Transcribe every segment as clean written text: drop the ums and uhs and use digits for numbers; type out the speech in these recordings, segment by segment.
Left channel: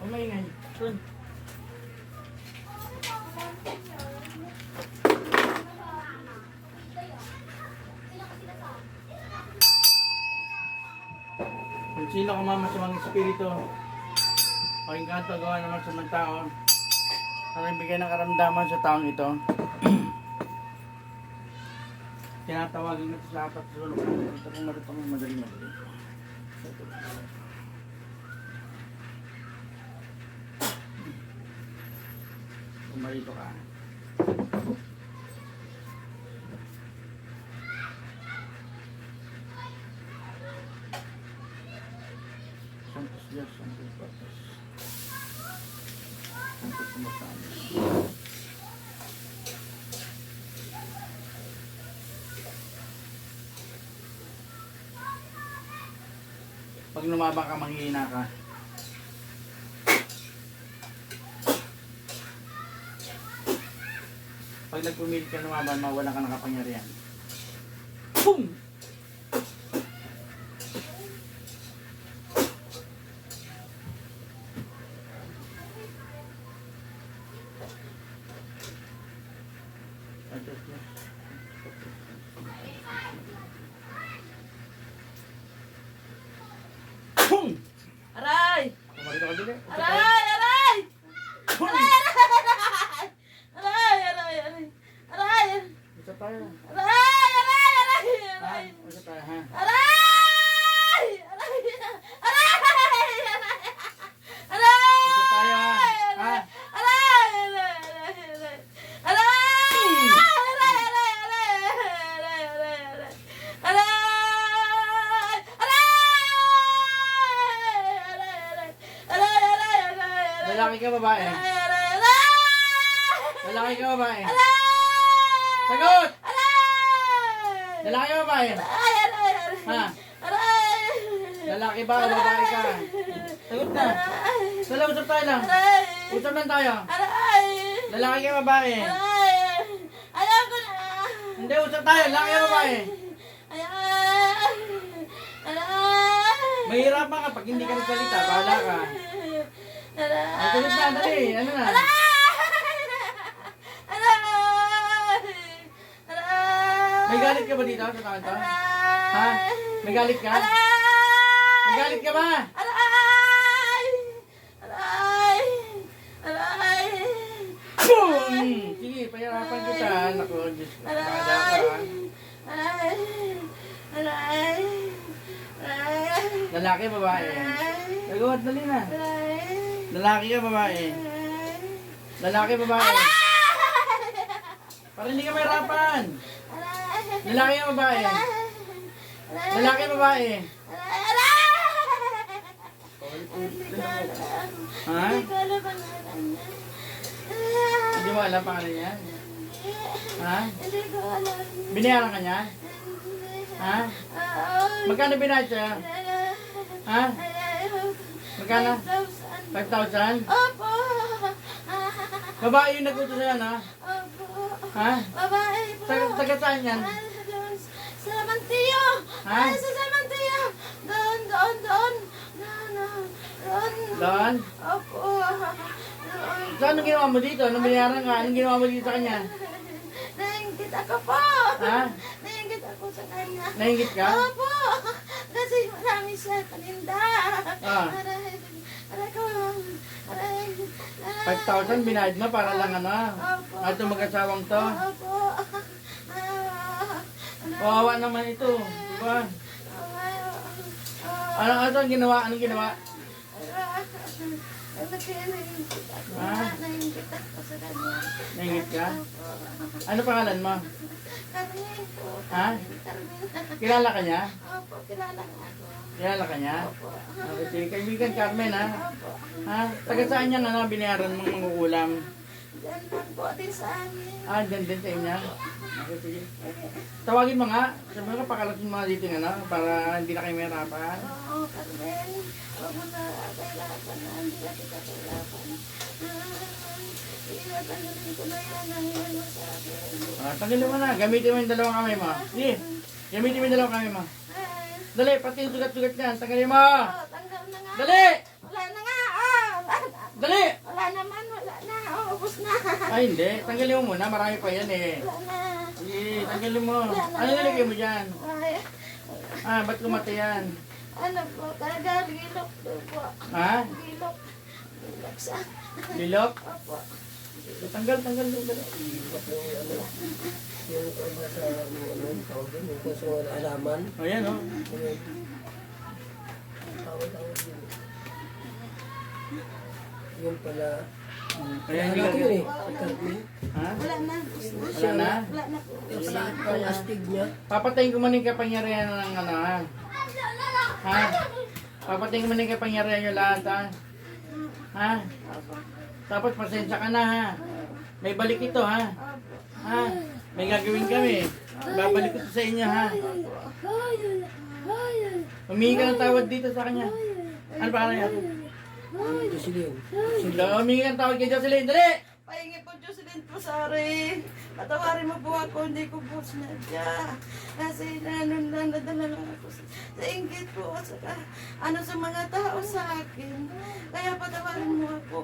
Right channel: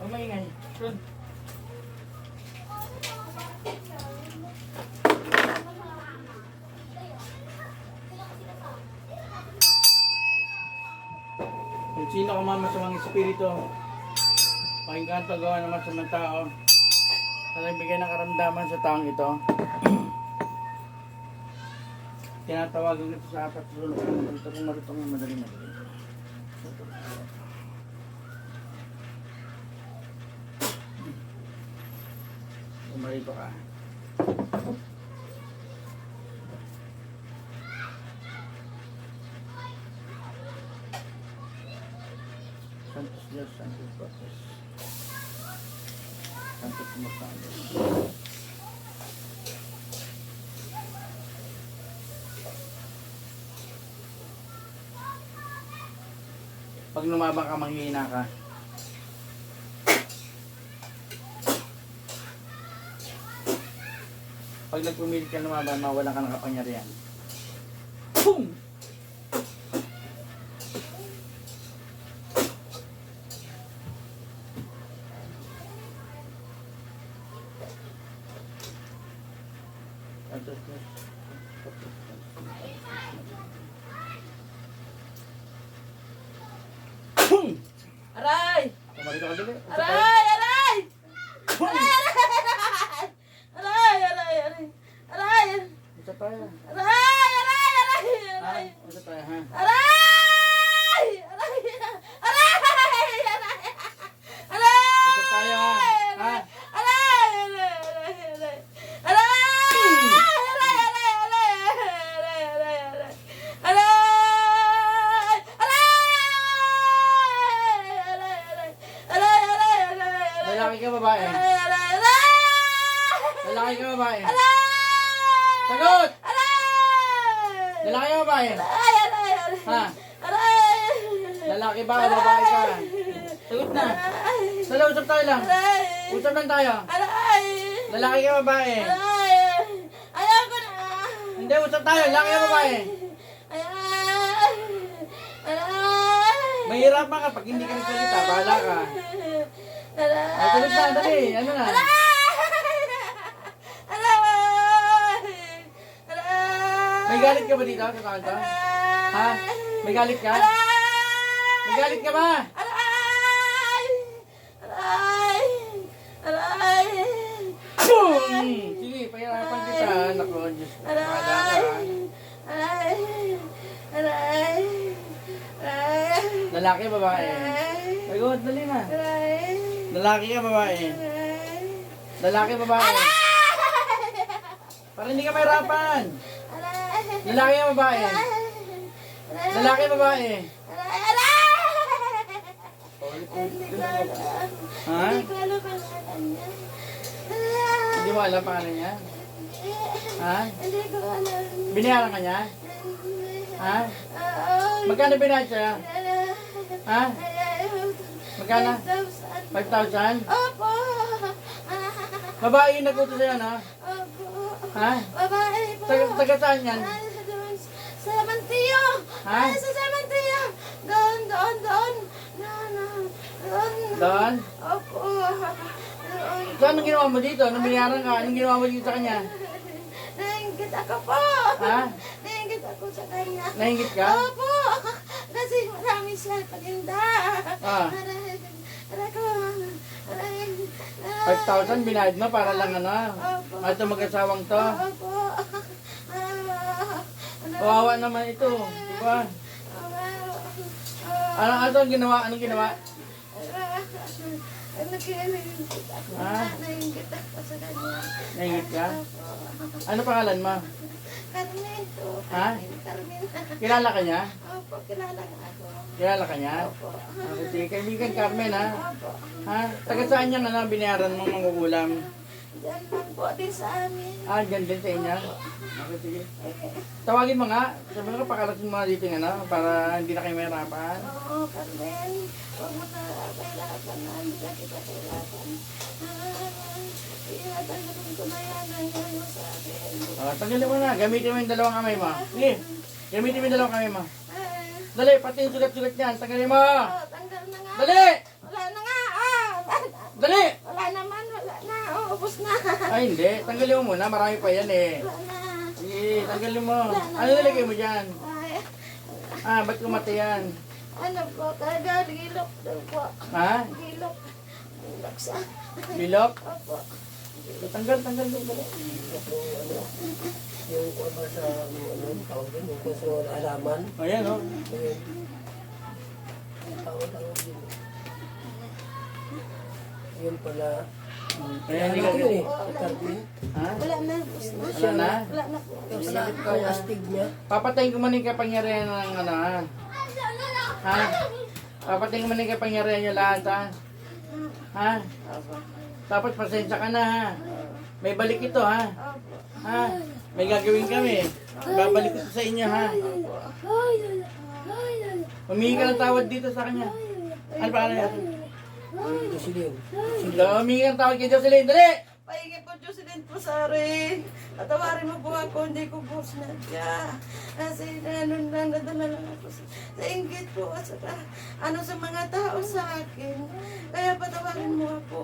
Ang maingay. Doon. Kung sino ka mamasamang espiritu, pakinggan ito gawa naman sa mga tao para ibigay ng karamdaman sa taong ito. Tinatawagan nito sa apat sulok. Ito kung marito mo madali-madali. Marito ka. Santos Dios, Santos Patres, Santos Sumasanos. Pag lumabang ka, manghihina ka. Pag nagpumilit ka lumaban, mawalan ka ng kapangyarihan. Boom! Boom! Aray! Pumarito ka dali. Aray! Aray! Aray! Aray! Aray! Aray! Aray! Usa tayo. Aray! Aray! Aray! Ha? Aray! Usa tayo, ha? Aray! Aray! Aray! Aray! Usa tayo, ha? Ha? Aray! Aray! Aray! Aray! Aray! Lalaki ka babae? Lalaki ka babae? Sagot! Lalaki ka babae? Ha? Lalaki ba o babae ka? Sagot na. Dala, usap tayo lang. Usap lang tayo. Lalaki ka babae? Ayoko na. Hindi, usap tayo. Lalaki ka babae? Mahirapan ka pag hindi ka nagsalita. Bahala ka. Ay, sagot na. Dali. Ano na? May galit ka ba dito sa taon to? Ha? May galit ka? May galit ka ba? Boom! Sige, pahirapan kita. Naku, Diyos ko. Mahada ka. Lalaki, babae? Sagot, dali na. Lalaki ka, babae? Lalaki, babae? Para hindi ka mahirapan. Lalaki ka, babae? Lalaki, babae? Ha? Hindi mo alam pangalan niya? Ha? Hindi ko alam. Binayaran ka niya? Ha? Magkano binayad sa'yo? Ha? Magkano? 5,000? Opo. Babae yung nag-utos sa'yo, na? Opo. Ha? Babae po. Taga saan yan? Sa Mantillo. Ha? Sa Mantillo. Doon. Doon? Opo. Doon. So, anong ginawa mo dito? Anong binayaran ka? Anong ginawa mo dito sa kanya? Nainggit ako po. Ha? Nainggit ako sa kanya. Nainggit ka? Opo. Kasi marami siya paninda. Ah. Aray ko. Aray. 5,000 binayad mo para lang ano? Opo. At itong mag-asawang to? Opo. Kawawa naman ito. Diba? Anong ginawa? Anong ginawa? Nainggit ako. Ha? Nainggit ako sa kanya. Nainggit ka? Opo. Ano pangalan mo? Carmen po. Ha? Carmen. Kilala ka niya? Opo, kilala nga ako. Kilala ka niya? Opo. Okay, sige. Kaibigan Carmen, ha? Opo. Ha? Taga saan yan, ano? Binayaran mong mangukulam? Yan lang po din sa amin. Ah, dyan din sa inyo. Okay, sige. Tawagin mo nga. Sabi mo nga, pakalasin mo nga dito yung ano, para hindi na kayo mahirapan. Oo, Carmen. Huwag mo na kailangan na. Hindi ka kita kailangan. Tanggalin ko na yan. Nangyay mo sa akin. Ah, tanggalin mo na. Gamitin mo yung dalawang kamay mo. Sige. Gamitin mo yung dalawang kamay mo. Ay. Dali, pati yung sugat-sugat niyan. Tanggalin mo. Oh, tanggal na nga. Dali! Wala na nga. Ah, Dali! wala naman. Wala na. Oh, ubos na. Ay, hindi. Tanggalin mo muna. Marami pa yan eh. Wala na. Sige, tanggalin mo. Ano nilagay mo dyan? Ay. Ah, ba't kumati yan? Ano po? Kada gilok daw po. Ha? Gilok. Gilok sa... Lilok? Opo. Tanggal, tanggal. Dali. Yung kurma sa tawag din, yung kurso na alaman. O yan o. Tawag din. Yun pala. Kaya hindi Ano ka... yun eh? Carmen. Ha? Wala na. Ubos na. Wala na? Wala na po. Yung astig niya. Papatayin ko man yung kapangyarihan ng ano ha? Ha? Papatayin ko man yung kapangyarihan nyo lahat ha? Ha? Opo. Tapos pasensya ka na ha? May balik ito ha? Opo. Ha? May gagawin kami. Babalik ko sa inyo ha? Humingi ka ng tawad dito sa kanya. Ano pa yan? Jocelyn. Humingi ka ng tawad kay Jocelyn. Dali! Pahingi po Diyos din po sa rin. Patawarin mo po ako, hindi ko po sinadya. Kasi nadala lang ako sa inggit po at saka sa mga tao sa akin. Kaya patawarin mo ako.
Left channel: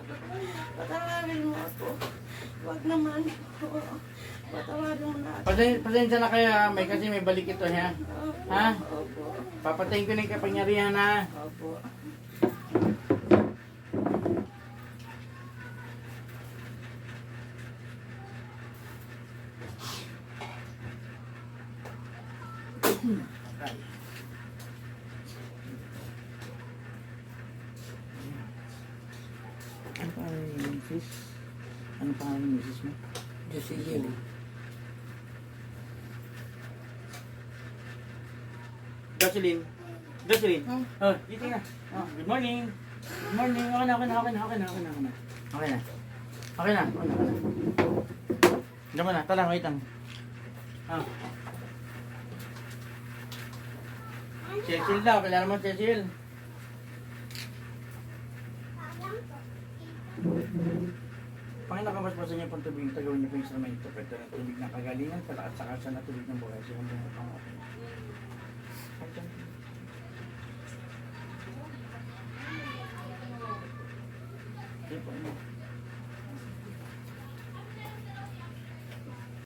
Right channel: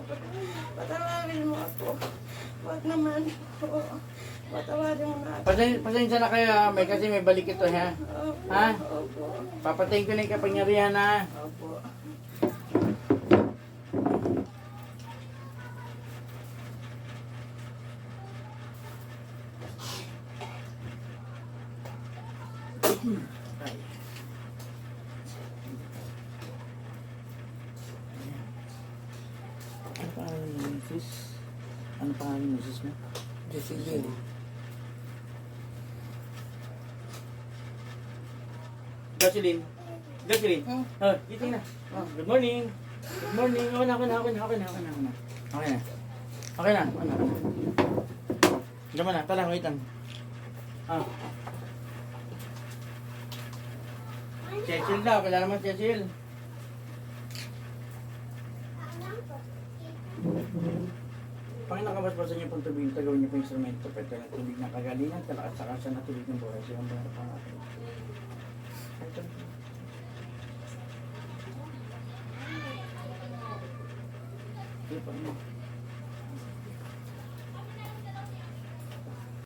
Patawarin mo ako. Huwag naman po. Patawarin mo na ako. Pasensya na kayo ha? May kasi may balik ito ha? Opo. Ha? Opo. Papatayin ko na yung kapangyarihan ha? Opo. Ano pangalan ni Mrs.? Ano pangalan ni Mrs. mo? Jocelyn. Jocelyn. Jocelyn. Oh, dito na. Oh, good morning. Good morning. Okay na. Okay na. Okay na. Diyan mo na. Tala, wait lang. Ah. Cecil daw. Kailangan mo Cecil. Panginoon, kabasbasan niyo pong tubig, tagawin niyo po yung instrumento, pwede na tubig ng kagalingan, at saka sa natubig ng buhay, siya ang mga pangalan. Ito po,